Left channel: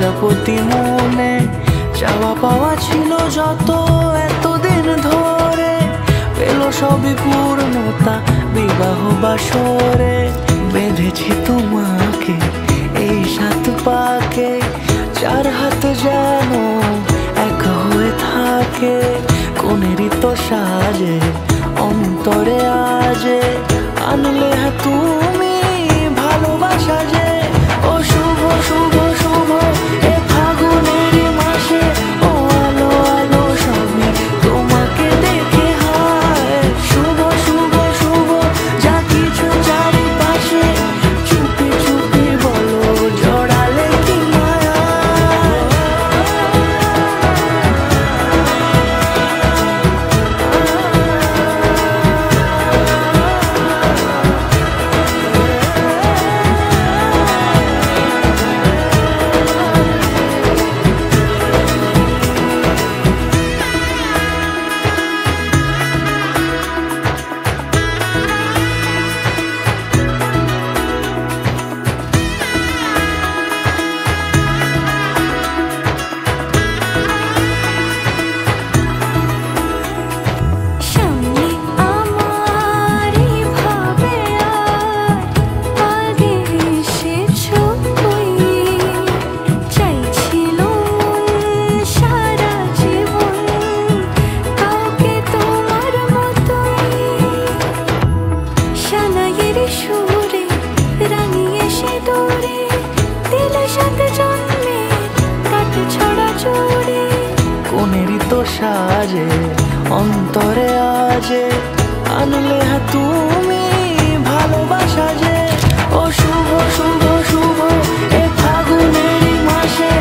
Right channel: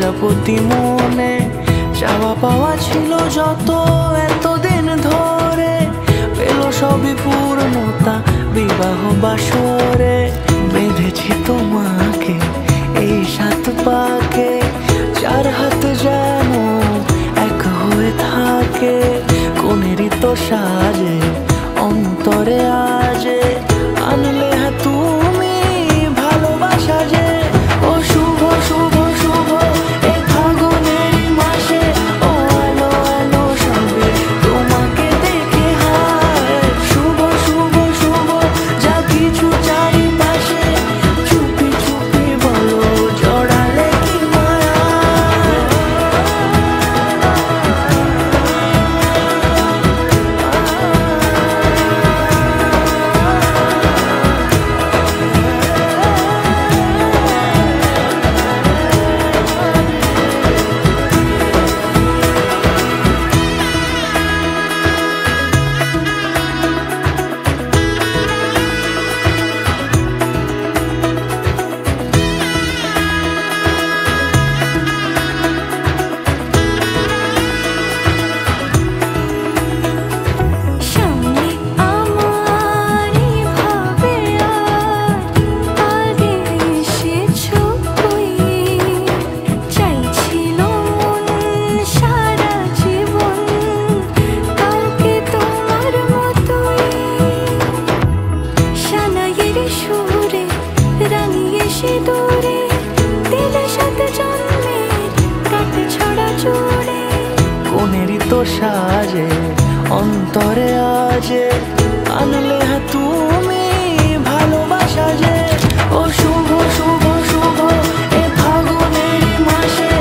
প্রজাপতি মনে চাওয়া পাওয়া ছিল যত এতদিন ধরে, পেল সবই পূর্ণতা বিবাহ বাসরে। বেঁধেছি তোমাকে এই 7 পাকে, 4 হাত যেন এক হয়ে থাকে। কোনেরই তো সাজে অন্তরে আজে, আনলে হ্যাঁ তুমি ভালোবাসা যে। ও শুভ শুভ শুভ এ ফাগুনেরই মাসে, ও আলো আলো সবই তোমাকে দেখে হায়। শুভ শুভ শুভ যা কিছু চারিপাশে, চুপি চুপি বলো জড়ালে কি মায়া। কোনেরই তো সাজে অন্তরে আজে, আনলে হ্যাঁ তুমি ভালোবাসা যে। ও শুভ শুভ শুভ এ ফাগুনেরই মাসে,